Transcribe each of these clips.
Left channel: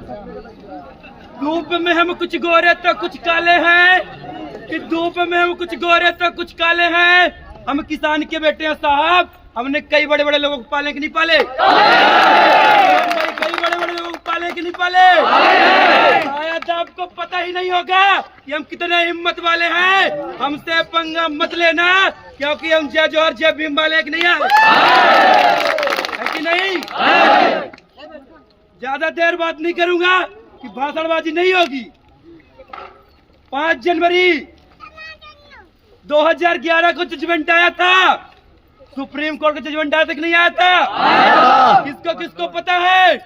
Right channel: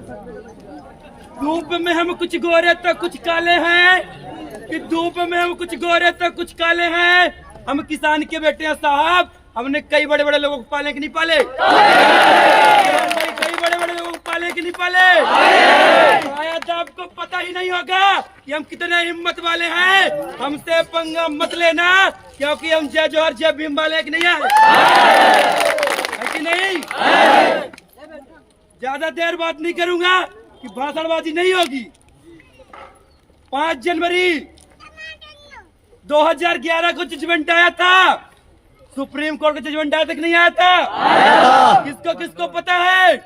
धूप में हम कुछ गोरे तो कुछ काले हैं, कि धूप में हम कुछ गोरे तो कुछ काले हैं। हम किसान के बेटे हैं साहब, हमने कई बड़े बड़े लोगों को पाले कि नहीं पाले? कई बड़े बड़े लोगों को पाले कि नहीं पाले? शायद आपको पता ही नहीं होगा कि हम कितने हिम्मत वाले हैं। हमसे पंगा मत लेना, क्योंकि हम जय जोहर जय भीम वाले कि नहीं है कि नहीं? ज्यादा देर बात नहीं करूंगा कि भाषणबाजी नहीं होगी। 5 जनवरी 2011 को जजमेंट आया था, सुप्रीम कोर्ट का जजमेंट आया था कि नहीं आया था? किसको किसको पता है?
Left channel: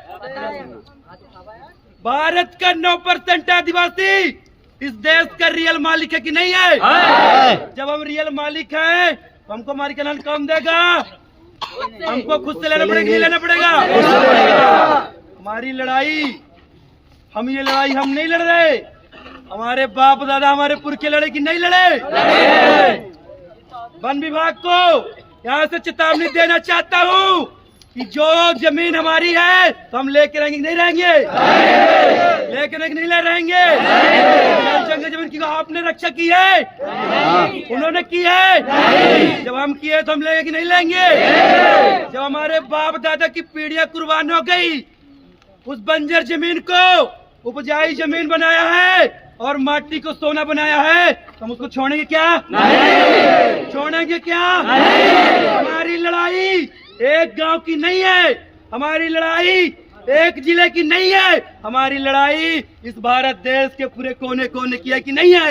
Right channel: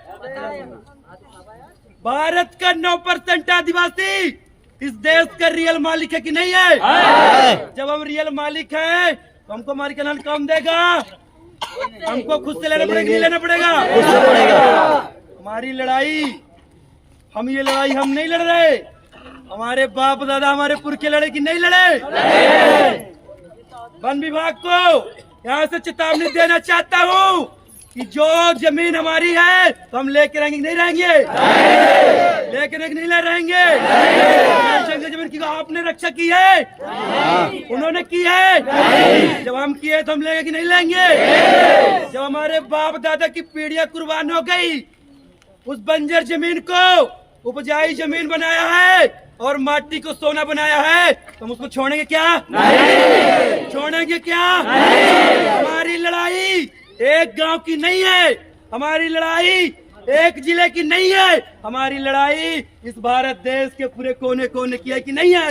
भारत का 9% आदिवासी इस देश का रियल मालिक है कि नहीं है? जब हम रियल मालिक हैं तो हमको हमारी कल्याण कौन देगा? हमको खुद से लेना पड़ेगा, लेना पड़ेगा। हमारी लड़ाई, हम ये लड़ाई हम नहीं लड़ रहे, हमारे बाप दादा हमारे पुरखे लड़े कि नहीं लड़े? वन विभाग को यहाँ से चेतावनी देना चाहता हूँ कि जो जमीन हमारी है तो हम लेके रहेंगे नहीं रहेंगे? लेके नहीं रहेंगे। जंगल जमीन की आपने रक्षा की है, उन्होंने की है। जब हम किए तो हम लेंगे कि नहीं लेंगे? जब हमारे बाप दादा की पीढ़ियां कुर्बान हो गई, उस बंजर जमीन को उपजाऊ जमीन बनाया है और माटी को सोना बनाया है, तो हम उसको छोड़ेंगे क्या? नहीं। छोड़ेंगे क्या? नहीं। हमारी लड़ाई एक गांव की नहीं है, हमारी लड़ाई एक जिले की नहीं है, हमारी लड़ाई इस भारत देश के पूरे कोने कोने की है कि नहीं है?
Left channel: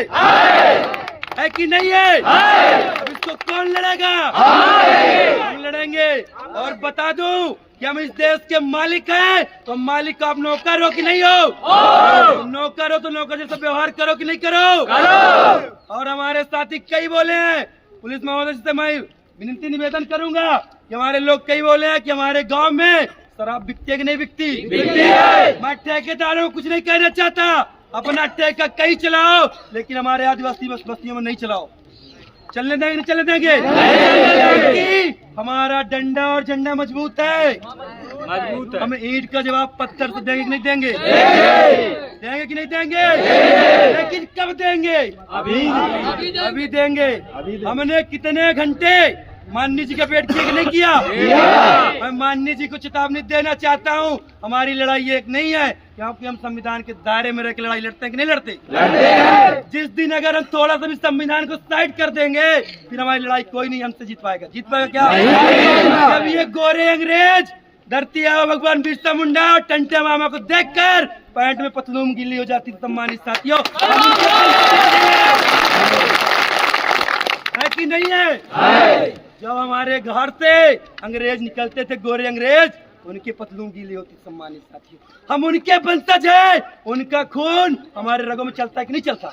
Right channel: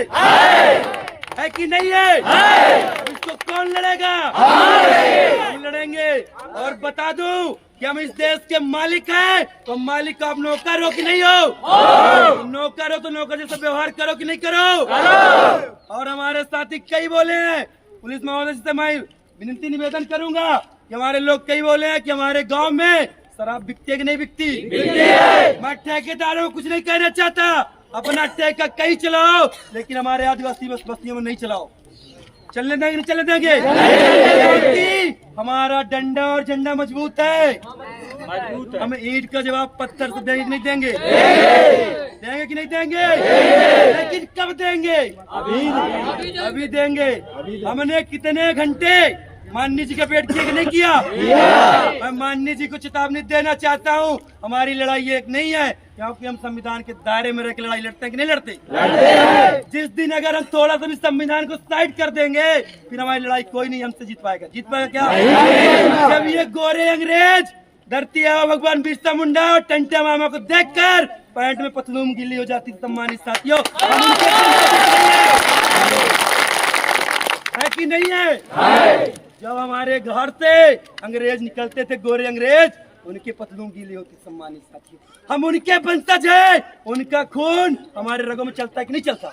है कि नहीं है? अब इसको कौन लड़ेगा? हम लड़ेंगे। और बता दूं कि हम इस देश के मालिक हैं, तो मालिक का आप नौकर हो कि नहीं हो? नौकर हो तो नौकर जैसा व्यवहार करो कि नहीं करो? और हमारे साथी कई बोले हैं, पुलिस महोदय से मैं विनती निवेदन करूंगा कि हमारे लोग कई बोले हैं कि हमारे गांव में शराब बिकती है कि नहीं बिकती? मैं ठेकेदारों को कुछ नहीं कहना चाहता, अपना ठेका कहीं चलाओ, लेकिन हमारे आदिवासी बस्तियों में नहीं चलाओ। चलने देंगे नहीं चलने देंगे? क्योंकि हमारा डंडा और झंडा मजबूत है। हम ईंट का जवाब पत्थर से देंगे कि नहीं देंगे? देंगे कि नहीं देंगे? लेकिन कब देंगे? अभी देंगे। हमने कितने घंटे माननीय जी का वेट किया कि नहीं किया? मैं माननीय जी को चेतावनी देना चाहता हूँ, हमारी लड़ाई एक नहीं है, क्योंकि हम संविधान के दायरे में रहकर लड़ाई लड़ते हैं कि नहीं लड़ते? जिस दिन अगर हम थोड़ा सा भी संविधान को साइड कर देंगे, फिर हमारी लड़ाई कोई नहीं हमसे जीत पाएगा। जीत पाएगा क्या? जब ये गोरे अंग्रेज धरती आवा भगवान बिरसा मुंडा और टंटे मामा को देखकर पैंट में पतलून गिल्ली हो जाती, सम्मानित साथियों, है कि नहीं है? जब हमारे घर से अंग्रेज निकलते थे, गोरे अंग्रेज, उनके पतलून गीली होती, सम्मानित साथियों। हम उनके वंशज हैं, उनका खून हमारे रगों में चलता है कि नहीं चलता?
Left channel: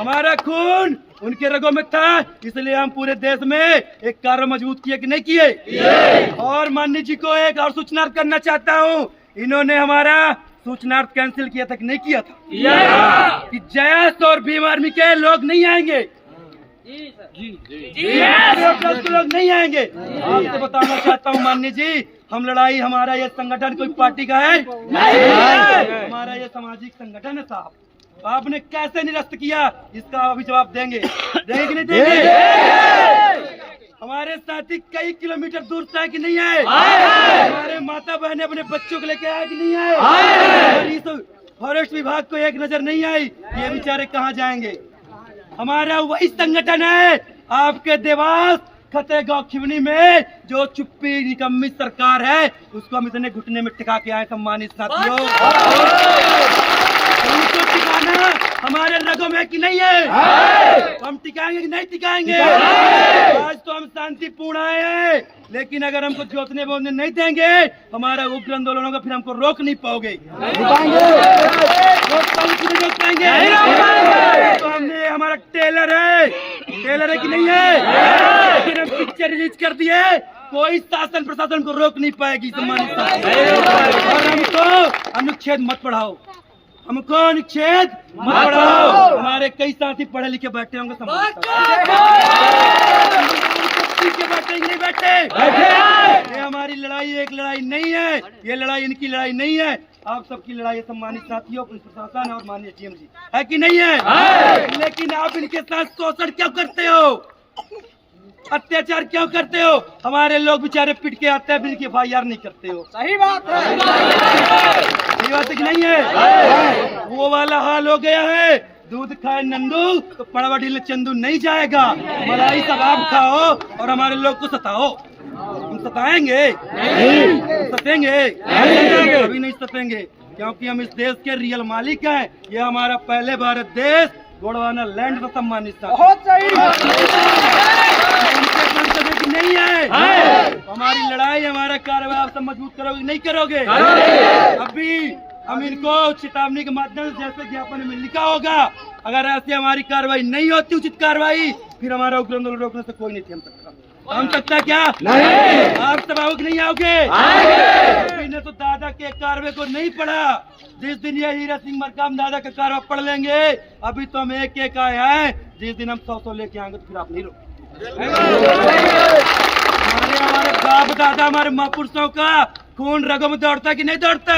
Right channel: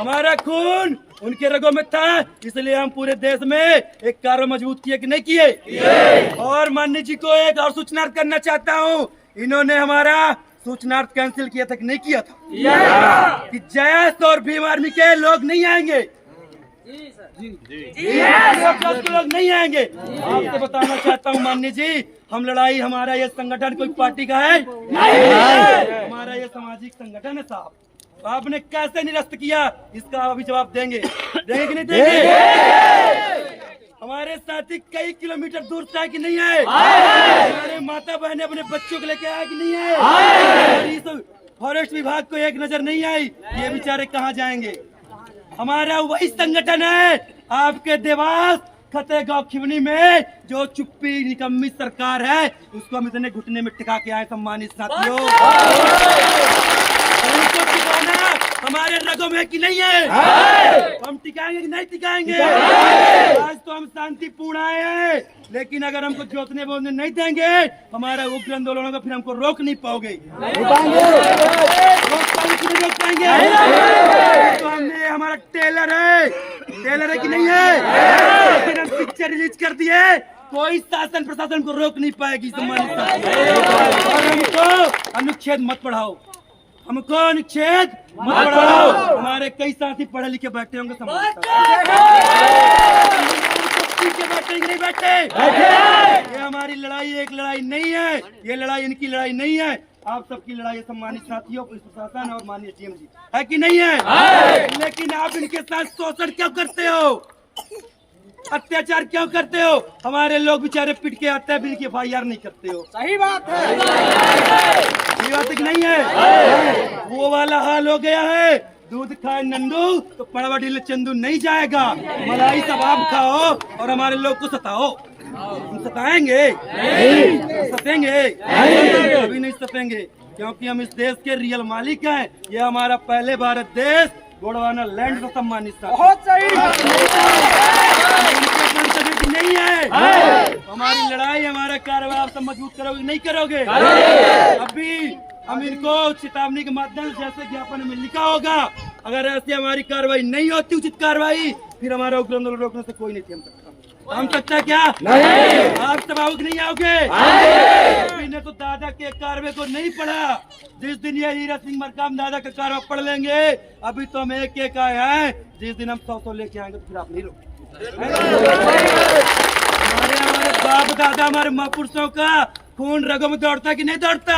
हमारा खून उनके रगों में था, इसलिए हम पूरे देश में एक कार्य मजबूत किए कि नहीं किए? और माननीय जी को एक और सूचना करना चाहता हूँ, इन्होंने हमारा सूचनार्थ कैंसिल किया था कि नहीं किया था? कि जयस और भीम आर्मी के लोग नहीं आएंगे। लोग नहीं आएंगे। आपसे बताना चाहता हूँ माननीय जी, हम लड़ाई, हमारा ये संगठन कोई पार्टी का है नहीं, हमारा ये सामाजिक संगठन है साहब। तो आपने कैसे निरस्त किया, इसका अभी जवाब देंगे। देंगे कि नहीं देंगे? हमारे साथी कई किलोमीटर दूर से आए कि नहीं आए? हमारे माता बहने अपने बच्चों को लेके आए कि नहीं आए? और इस फॉरेस्ट विभाग को एक नजर नहीं आई, ये बेचारे कहाँ जाएंगे? हमारा वही संगठन है, आपके देवास खतेगांव खिवनी में जो चुप्पी निकम्मी सरकार है, उसको हम इतने घुटने में टिका के आए, सम्मानित साथियों। उनको टिकाना हमारे रगों में कि नहीं है? हम टिकाएंगे कि नहीं टिकाएंगे? आज तो हम शांतिपूर्ण आए हैं, लेकिन अगर हमको जोतने बोलने नहीं देंगे, हमारा उग्र आंदोलन होगा, फिर हमको रोक नहीं पाओगे। रोक पाएंगे? तो हमने, हमारा टेलर है कि नहीं है? फिर हम पिक्चर रिलीज कर दिए, कोई शासन प्रशासन को रोक नहीं पाएगी, सम्मानित साथी। और हमको अनुच्छेद मत पढ़ाओ, हमको अनुच्छेद मत पढ़ाओ। हमारे कई साथी पढ़े लिखे बैठे होंगे, पीछे बैठे नहीं बैठे? ये हमारी लड़ाई एक लड़ाई नहीं है, ये लड़ाई इनकी लड़ाई नहीं है, आप सबकी लड़ाई है सम्मानित साथियों, पुलिस प्रशासन और माननीय सीएम जी, है कि नहीं है? लेकिन आप इनके साथ शोषण क्यों करते हो, अत्याचार क्यों करते हो? हमारे लोग बेचारे पिट के आते हैं, बिल की FIR नहीं करते हो। सही बात है, सही बात कि नहीं है? वो वाला हाल हो गया है, दूध खाए नंदू तो पड़वा ढीले चंदू नहीं जाएगा। मलाई सब आप खाओ और हमारे लोग को सताओ। हम सताएंगे? सतेंगे? कभी नहीं सतेंगे, क्योंकि हम इस देश के रियल मालिक हैं। ये हमारा पहले भारत देश गोंडवाना लैंड का सम्मानित था। बहुत सही। नहीं है हमारी लड़ाई, हमारा कार्रवाई आप सब मजबूत करोगे नहीं करोगे? अभी हम इनको चेतावनी के माध्यम से जैसे ज्ञापन में लिखा होगा, अगर ऐसी हमारी कार्रवाई नहीं होती उचित कार्रवाई, फिर हमारा उग्र आंदोलन रोकने से कोई नहीं थम सकता। हम सकता क्या? नहीं। आप सब आओगे नहीं आओगे? अभी ने तो दादा के कार्रवाई को नहीं पढ़ा। जिस दिन ये हीरा सिंह मरकाम दादा का कार्रवाई पढ़ लेंगे, अभी तो हम एक एक आए हैं, जिस दिन हम 100 लेके आएंगे तो फिर आप नहीं रोकेंगे। हमारे बाप दादा हमारे महापुरुषों का खून रगों में दौड़ता है कि नहीं दौड़ता?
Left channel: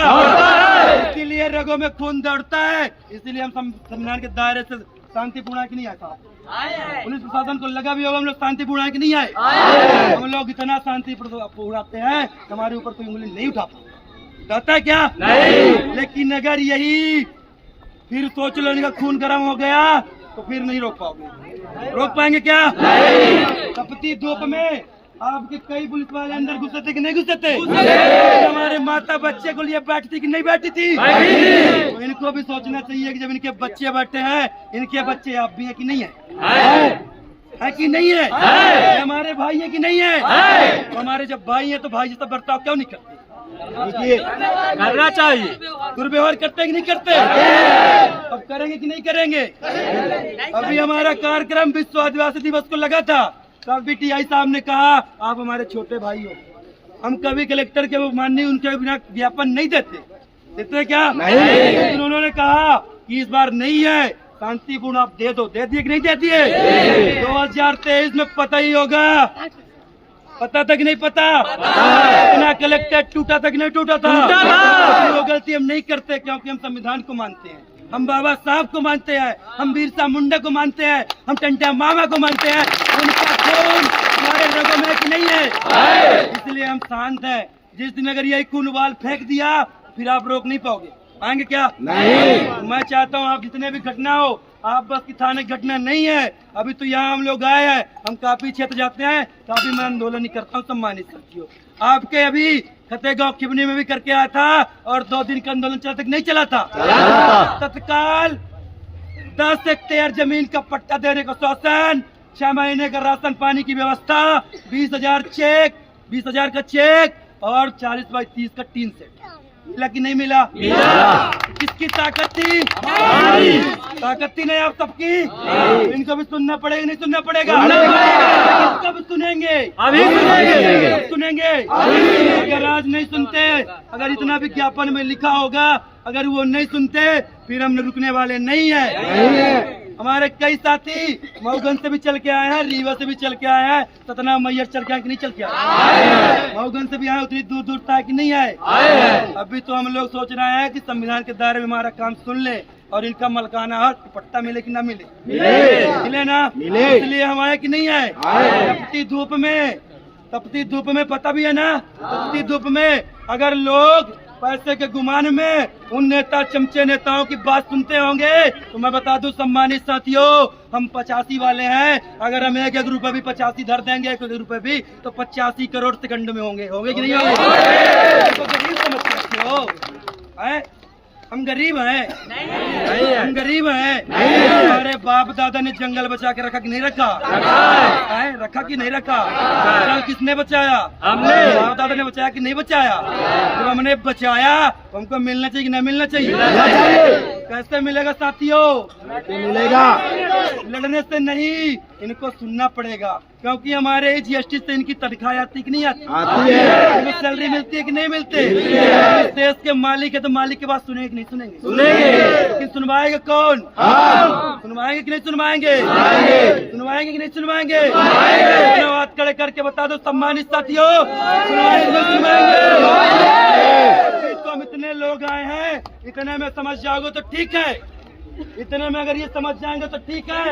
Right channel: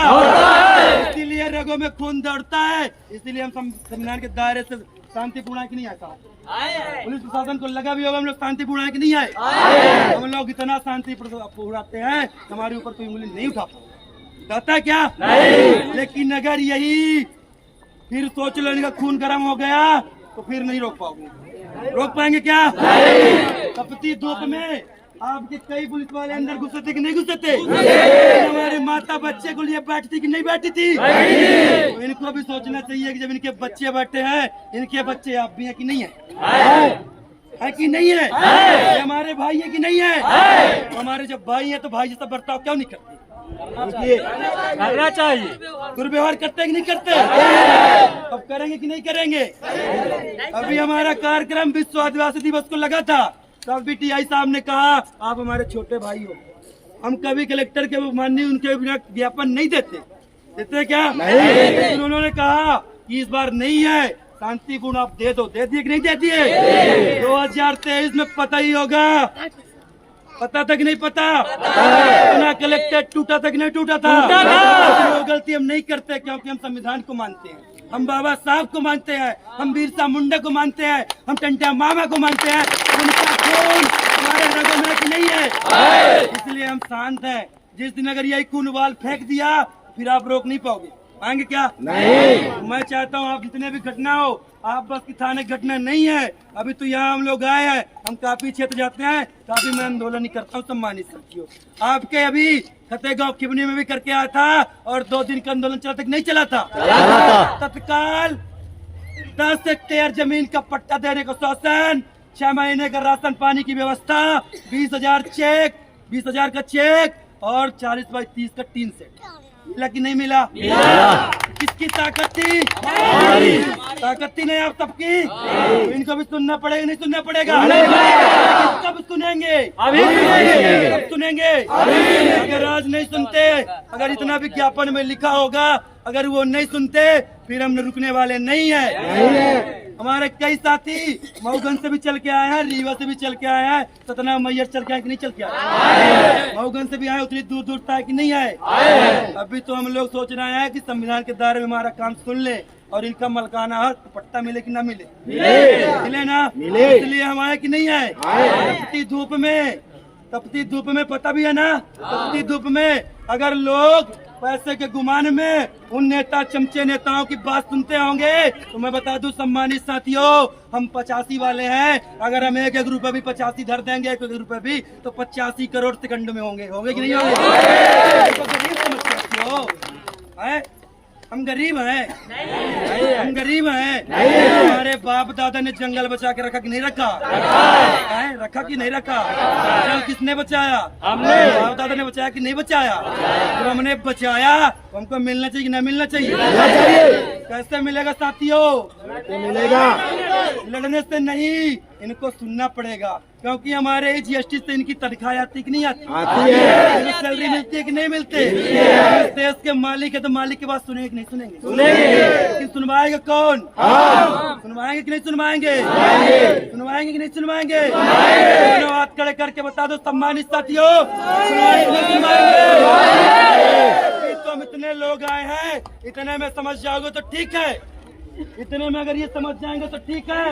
इसीलिए रगों में खून दौड़ता है, इसीलिए हम संविधान के दायरे से शांतिपूर्ण की नहीं आता। पुलिस प्रशासन को लगा भी होगा हम लोग शांतिपूर्ण की नहीं आए। हम लोग इतना शांति पूराते हैं, हमारे ऊपर कोई उंगली नहीं उठा पाता क्या? नहीं। लेकिन अगर यही फिर सोच लो इनका खून गर्म हो गया तो फिर नहीं रोक पाओगे। रोक पाएंगे क्या? नहीं। तपती धूप में आपके कई पुलिस वाले अंदर घुसे थे कि नहीं घुसे थे? हमारे माता बच्चे को लिए बैठती कि नहीं बैठी थी? तो इनको भी सोचना चाहिए कि जब इनके बच्चे बैठे हैं, इनके बच्चे आप भी हैं कि नहीं है कि नहीं है? हमारे भाई है कि नहीं है? तो हमारे जब भाई हैं तो भाई जैसा बर्ताव क्यों नहीं करते? करना चाहिए। दुर्व्यवहार करते हैं कि नहीं करते? अब करेंगे कि नहीं करेंगे? अभी हमारा कार्यक्रम विश्व आदिवासी दिवस को लगा था, तब भी TI साहब ने कहा आप हमारे छोटे भाई हो, हम कभी कलेक्टर के माननीय उनके बिना ज्ञापन नहीं देते क्या? नहीं। लेकिन उन्होंने कहा कि इस बार नहीं है, शांतिपूर्ण आप दे दो। दे दिए कि नहीं दे दिए? 2023 में पता ही होगा, पता तक नहीं पता अपना कलेक्टर टूटा तक नहीं टूटा था। वो गलती हम नहीं करते, क्योंकि हम संविधान को मानते हैं, हम बाबा साहब को मानते हैं, हम बिरसा मुंडा को मानते हैं, हम टंटा मामा को मानते हैं। उनका खून हमारे रगों में कि नहीं है? इसलिए हम शांत हैं। जिस दिन अगर यही खून उबाल फेंक दिया फिर आप रोक नहीं पाओगे। आएंगे क्या? नहीं। मैं चाहता हूँ आप जितने भी घटना हो, आप बस की थाने घटना नहीं है। अभी तो यहाँ हम लोग आए हैं, हम काफी क्षेत्र जाते हैं, काफी मैं आंदोलन ही करता हूँ सम्मानित साथियों। आपके अभी फतेहगांव खिबनी में भी करके आया था और 2 दिन का आंदोलन चला तक नहीं चला था? तत्काल 10 हेक्टेयर जमीन का पट्टा देने का शासन, 6 महीने का राशन पानी की व्यवस्था, 20,000 का चेक और 40x30 का टीन सेट। मिला कि नहीं मिला? किसकी ताकत थी? ताकत थी नहीं आप सबकी? इनको भी सुनना पड़ेगा नहीं सुनना पड़ेगा? कब सुनेंगे? कब सुनेंगे? अगर आज नहीं सुनते, अगर इतना विज्ञापन में लिखा होगा, अगर वो नहीं सुनते फिर हम रुकने वाले नहीं है। हमारे कई साथी मऊगंज से भी चल के आए हैं, रीवा से भी चल के आए हैं, सतना मैयर चल के आए कि नहीं चल के आए? मऊगंज से भी आए, उतनी दूर दूर तक नहीं आए। अभी तो हम लोग सोच रहे हैं कि संविधान के दायरे में हमारा काम सुन ले और इनका मलकाना हक पट्टा मिले कि ना मिले? मिले ना? इसलिए हम आए कि नहीं आए? तपती धूप में पता भी है ना, तपती धूप में अगर लोग पैसे के गुमान में उन नेता चमचे नेताओं की बात सुनते होंगे, तो मैं बता दूं सम्मानित साथियों, हम 85 वाले हैं। अगर हम 1-1 रुपए भी 85 धर देंगे, 1 रुपए भी, तो 85 करोड़ सेकंड में होंगे कि नहीं होंगे? तो गरीब समझते हो? हम गरीब हैं, हम गरीब हैं। हमारे बाप दादा ने जंगल बचा के रखा कि नहीं रखा? रखा कि नहीं रखा? जंगल किसने बचाया? हमने। बाप दादा ने बचाया कि नहीं बचाया? जब हमने बचाया तो हमको मिलना चाहिए कि नहीं मिलना चाहिए? कैसे मिलेगा साथियों? मिलेगा लड़ने से नहीं, इनको सुनना पड़ेगा, क्योंकि हमारे GST से इनकी तनख्वाह आती कि नहीं आती? आती है। इनको सैलरी मिलती है कि नहीं मिलती? इस देश के मालिक है तो मालिक की बात सुनेंगे कि नहीं सुनेंगे? लेकिन सुनवाएगा कौन? सुनवाएंगे कि नहीं सुनवाएंगे? सुनवाएंगे कि नहीं सुनवाएंगे? बात खड़े करके बता दो सम्मानित साथियों, सुनवाएंगे कि नहीं सुनवाएंगे? तो हम इतने लोग आए हैं, इतने में समझ जाओगे तो ठीक है, इतने में अगर ये समझ जाएंगे तो ठीक है,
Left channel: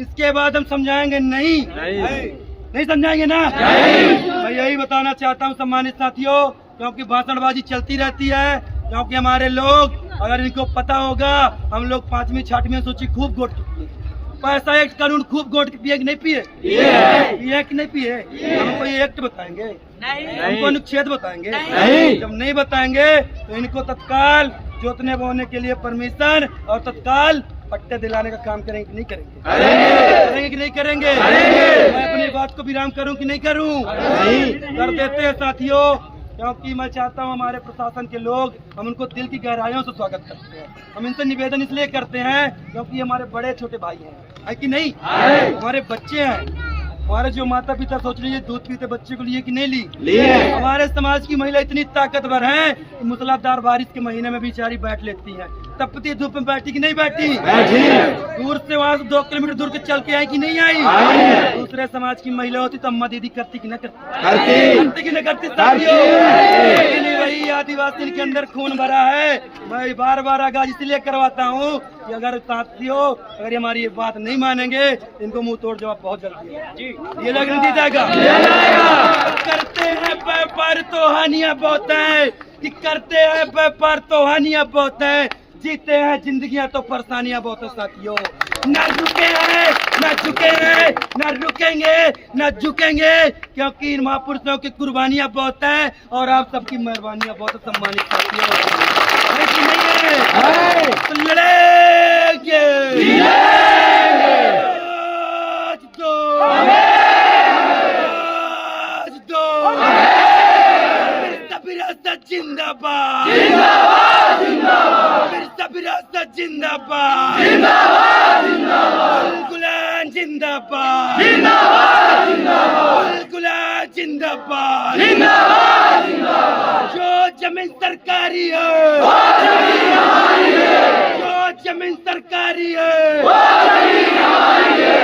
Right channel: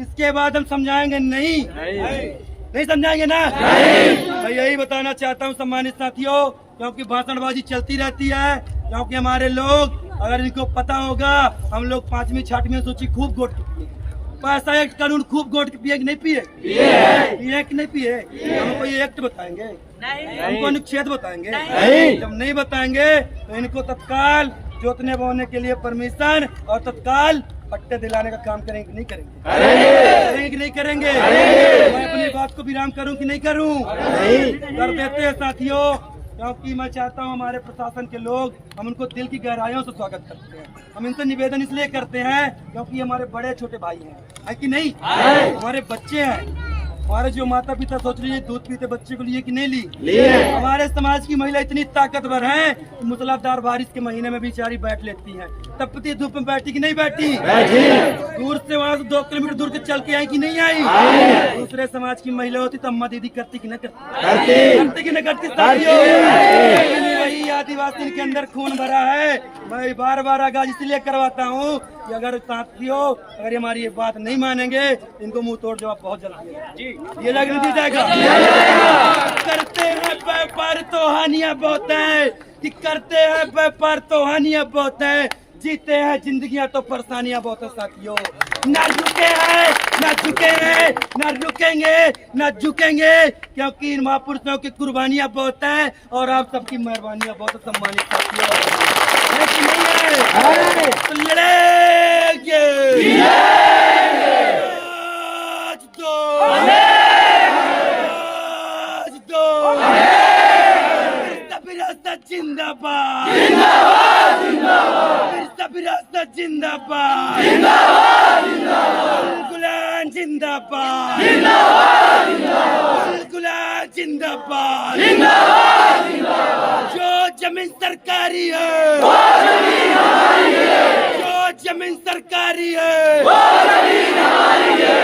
इसके बाद हम समझाएंगे नहीं समझाएंगे ना। मैं यही बताना चाहता हूँ सम्मानित साथियों, क्योंकि भाषणबाजी चलती रहती है, क्योंकि हमारे लोग, अगर इनको पता होगा, हम लोग 5वीं 6वीं सूची खूब गोट पैसा एक्ट कानून खूब गोट पिए कि नहीं पिए, पिए कि नहीं पिए। हमको ये एक्ट बताएंगे, हमको अनुच्छेद बताएंगे, जब नहीं बताएंगे तो इनको तत्काल जोतने बोने के लिए परमिशन और तत्काल पट्टे दिलाने का काम करेंगे कि नहीं करेंगे, कि नहीं करेंगे। मैं अपनी बात को विराम करूं कि नहीं करूं, कर देते हैं साथियों, क्योंकि मैं चाहता हूं हमारे प्रशासन के लोग, हम उनको दिल की गहराइयों से स्वागत करते हैं। हम इनसे निवेदन इसलिए करते हैं क्योंकि हमारे बड़े छोटे भाई हैं, कि नहीं, हमारे बच्चे हैं, हमारे जो माता पिता सोच रही है दूध पीते बच्चे को लिए कि नहीं लिए। हमारे समाज की महिला इतनी ताकतवर है कि मूसलाधार बारिश के महीने में बेचारी बैठ लेती है, तपती धूप में बैठी कि नहीं बैठी, दूर से वहाँ से 2 किलोमीटर दूर के चल के आई कि नहीं आई। दूसरे समाज की महिला होती तो अम्मा दीदी करती कि न करती कि न करती। वही आदिवासी के अंदर खून भरा है, मैं बार बार आगाज इसलिए करवाता हूँ कि अगर साथियों अगर हमारी ये बात नहीं मानेंगे, इनको मुंह तोड़ जवाब बहुत जल्दी है ये लग नहीं जाएगा। करते हैं व्यापार तो हानियां बहुत है, कि करते हैं व्यापार तो हानियां बहुत है, जीते हैं जिंदगियां तो परेशानियां बहुत है साथियों। ना रुके हैं, ना झुके हैं, ना रुकेंगे, ना झुकेंगे, क्योंकि इन महापुरुषों की कुर्बानियां बहुत हैं और आप सबकी मेहरबानियां बहुत है सम्मानित साथियों। नहीं है तो लड़ेंगे, जिंदाबाद, जिंदाबाद, जिंदाबाद, गुलाम जिंदाबाद, गुलाम जिंदाबाद, जो जमीन सरकारी है, जो जमीन सरकारी है,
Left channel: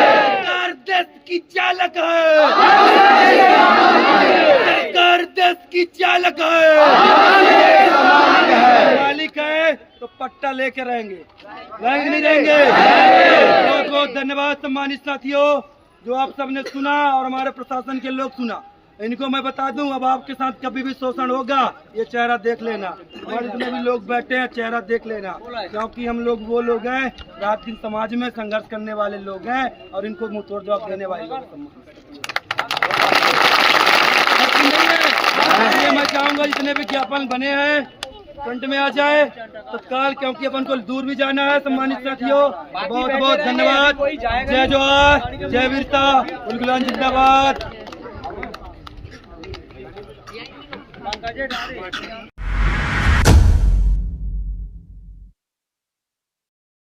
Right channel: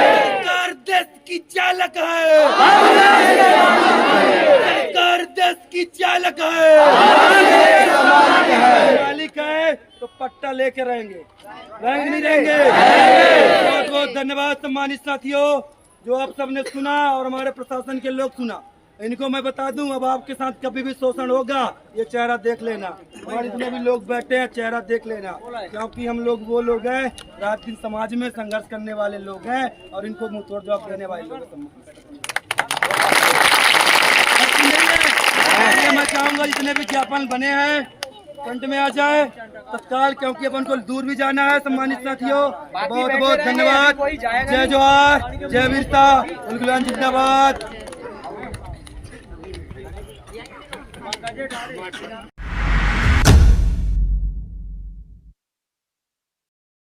सरकार देश की चालक है, सरकार देश की चालक है, मालिक है तो पट्टा लेके रहेंगे नहीं रहेंगे। बहुत बहुत धन्यवाद सम्मानित साथियों, जो आप सबने सुना और हमारे प्रशासन के लोग सुना। इनको मैं बता दूं, अब आपके साथ कभी भी शोषण होगा, ये चेहरा देख लेना, हमारे जितने भी लोग बैठे हैं चेहरा देख लेना, क्योंकि हम लोग वो लोग हैं रात दिन समाज में संघर्ष करने वाले लोग हैं और इनको मुंह तोड़ जवाब देने वाले लोग हैं। मैं चाहूंगा जितने भी ज्ञापन बने हैं फ्रंट में आ जाए तत्काल, क्योंकि अपन को दूर भी जाना है सम्मानित साथियों। बहुत बहुत धन्यवाद। जय जोहार, जय वीरता, गुलाम जिंदाबाद।